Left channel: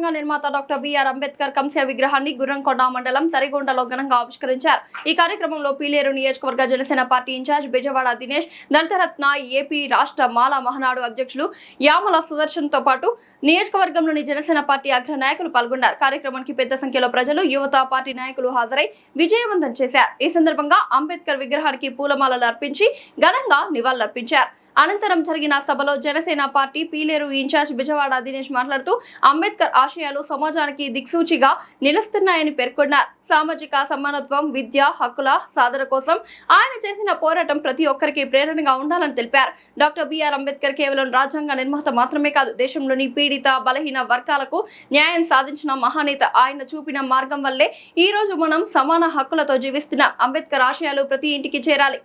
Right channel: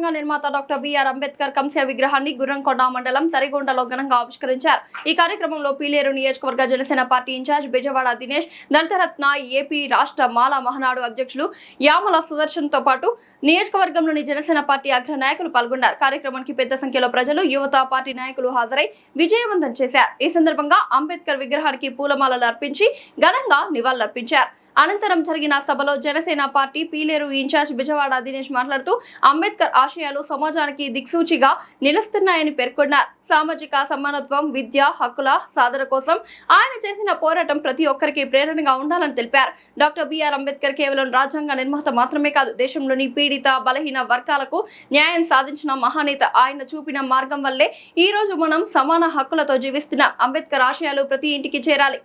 రాజ్యాంగ నిర్మాత doctor BR Ambedkar కంస్య విగ్రహాన్ని గుర్రంకొండ మండలం తరిగొండలో ఘనంగా ఆవిష్కరించారు. ఈ కార్యక్రమంలో పీలేరు నియోజకవర్గ జనసేన పార్టీ ఇన్ఛార్జ్ బెజవాడ దినేష్, దళితరత్న ఏపీ రాష్ట్ర మాల మహానాడు అధ్యక్షులు యామల సుదర్శన్ తో పాటు నియోజకవర్గంలోని జనసేన పార్టీ అగ్ర నాయకులు పాల్గొన్నారు. కార్యక్రమానికి పెద్ద సంఖ్యలో ప్రజలు, యువత, పార్టీ నాయకులు హాజరై విజయవంతం చేశారు. ఈ సందర్భంగా అంబేద్కర్ విగ్రహానికి పూలమాలలు అర్పించి ఘనంగా నివాళులర్పించారు. అనంతరం జరిగిన సభలో జనసేన పార్టీ పీలేరు ఇన్ఛార్జ్ బెజవాడ దినేష్ మాట్లాడుతూ అంబేద్కర్ ఆశయాలు సమాజానికి దిక్సూచిగా నిలుస్తున్నాయని పేర్కొన్నారు. సామాజిక సమానత్వం, విద్య హక్కుల సాధన కోసం ఆయన చేసిన పోరాటం ప్రతి ఒక్కరికి ప్రేరణగా ఉండాలని తెలిపారు. డాక్టర్ బిఆర్ అంబేద్కర్ కేవలం రాజ్యాంగ నిర్మాత మాత్రమే కాదు, దేశంలోని పీడిత బలహీన వర్గాలకు న్యాయం సాధించిన మహానేత. ఆయన చూపిన మార్గం వల్లే ఈ రోజు మనం సమాన హక్కులతో జీవిస్తున్నాం. అంబేద్కర్ ఆశయాలు ప్రతి ఇంటికి చేరాలి.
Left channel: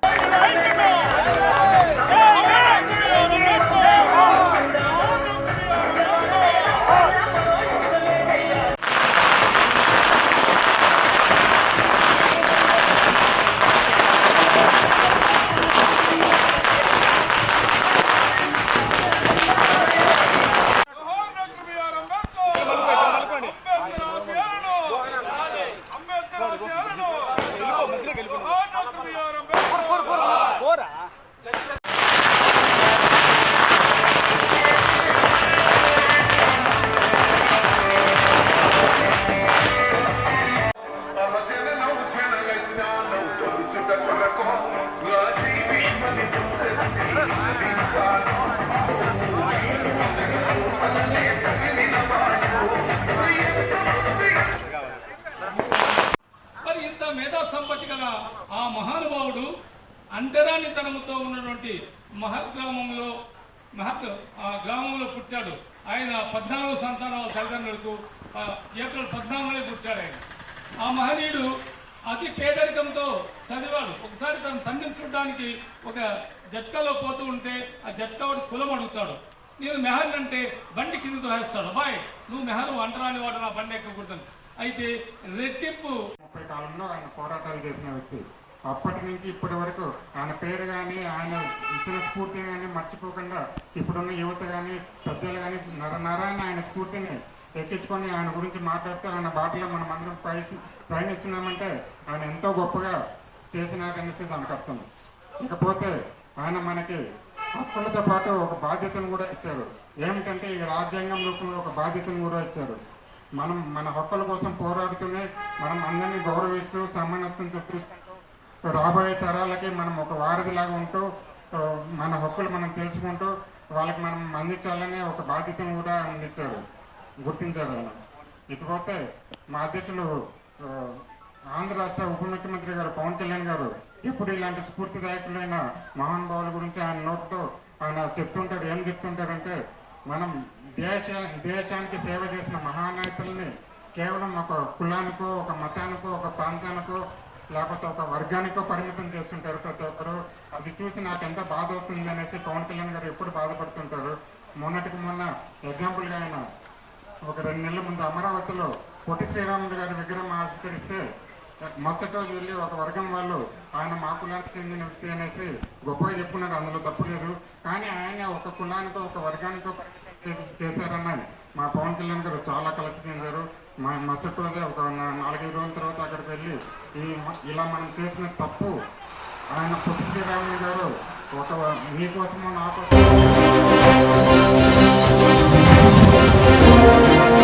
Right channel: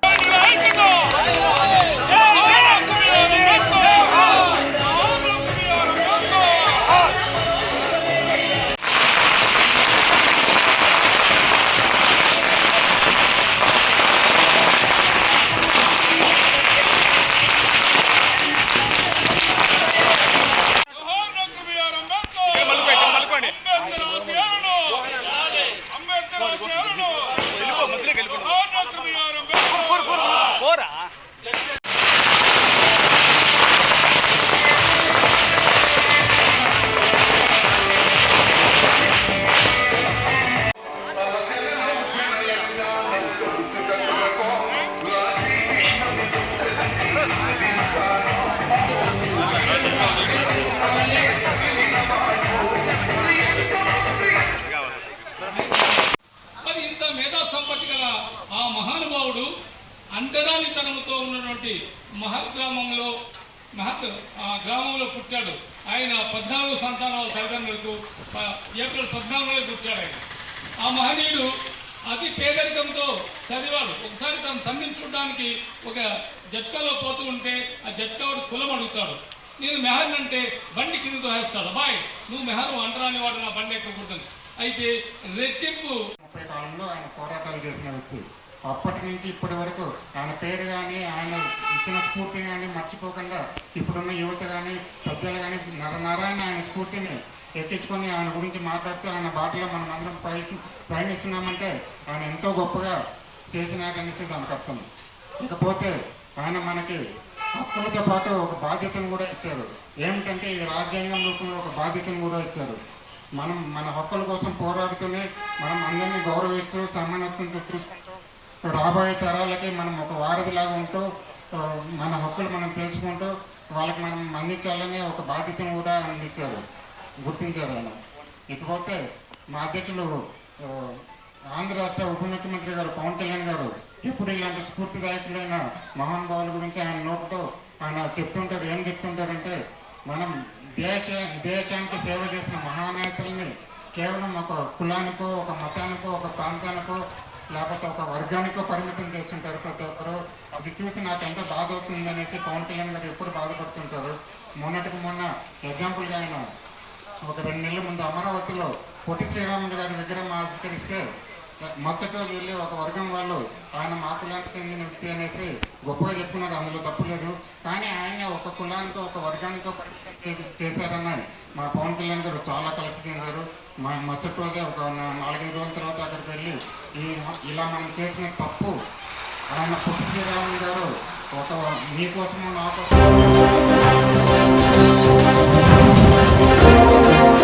ఆ మహానుభావుడు అంటరానితనంతో ఉన్నటువంటి గ్రామంలో పుట్టాడు. ఆయన 14 సంతానాల తల్లిదండ్రులకు ఏప్రిల్ 14 పుట్టాడు. ఆయన ఆ మహనీయుడు అతి పేదరికంతో చదివాడు. ఒకసారి తన తండ్రిని చూడడానికి ఒక జట్కాలో పోతూ ఉంటే ఆ జట్కావాడు కులం అడుగుతాడు. నేను మెహర్ అంటే బండి కిందతో వేస్తాడు. అబ్బాయి నువ్వు మెహరు అంటరాని వాడు, నా బండి ఎక్కకూడదని. అయితే రెట్టింపు 30 కాలంలో ఆయన పోరాటాలు చేసిన వ్యక్తి. అప్పటి నుంచి ఇప్పటి వరకు ఆయన పేరు కానీ ఆయన ఇచ్చిన స్ఫూర్తిని కానీ మర్చిపోకుండా ఇప్పుడున్న యువత కానీ పెద్దలు కానీ నరాన్ని ఆయన స్ఫూర్తిని ఎక్కించుకొని ఆయన గురించి మాట్లాడుతూ ఆయన బాటలో మనం అందరం ప్రయాణిస్తున్నామంటే ఆయన ఎంతో గొప్పగా చేసినారనేసి దానికి అర్థం. ఇకపోతే ఆయన మనకి హక్కులతో పాటు ఒక బాధ్యతను కూడా ఇచ్చారు. ఏమిటంటే ఈ రాజ్యాంగం రూపంలో ఒక బాధ్యతను కూడా ఇచ్చారు. మనం మన హక్కుల కోసం పోరాడుతూనే మనం అందరినీ గౌరవిస్తూ సమానత్వంతో చూసుకుంటూ రాబోయే తరాలకి మనం ఒక వారధిలాగా ఉంటూ మన హక్కులు మనం తెలుసుకుంటూ వాళ్ళకి మనం అందించాలనే ఒక బాధ్యతను కూడా అందించారు, గుర్తించారు ఆయన. ఇకపోతే మా అధ్యక్షులు ఆంధ్ర రాష్ట్ర ఉప ముఖ్యమంత్రి గారు పవన్ కళ్యాణ్ గారు ఎప్పుడు ఇలాంటి స్ఫూర్తిదాయకులైన మహానుభావుల గురించి ఆయన నోటుతో ఆయన చెప్తుంటారు. ఏం చెప్తుంటారంటే మనం దేశానికి సేవ చేసిన మహానేతల్ని కేవలం ఒక కులానికో, ఒక మతానికో, ఒక ప్రాంతానికో, లేకపోతే ఒక వర్గానికో పరిమితం చేస్తుంటారు ప్రతి ఒక్కరు. అది చూసి నాకు ఎంత బాధ అవుతుంది అనేసి పవన్ కళ్యాణ్ గారు ఎప్పుడు బాధపడుతుంటారు. మొన్నటికి మొన్న ఎగ్జాంపుల్గా ఆయన ఒక 2 నెలల ముందు అమరావతిలో పొట్టి శ్రీరాములు గారి విగ్రహం ఆవిష్కరిస్తే మరుసటి రోజు వెళ్ళి ఒక వర్గం వాళ్ళు ఆయన మా కులానికి చెందిన వ్యక్తి అనేసి గొప్పగా చెప్పుకున్నారు. అందులో తప్పు లేదు. కానీ ఆయన ఒక కులానికో ఒక వర్గానికో పరిమితం చేశారని మా పవన్ కళ్యాణ్ గారు చాలా కలసి చెందారు. మరుసటి రోజే ఒక 4-5 రోజుల తర్వాత అక్కడికి వెళ్ళి ఇలా మనం చేసిన తప్పు ఆయన పొట్టి శ్రీరాములు గారు ఒక మీకోసమో నా కోసం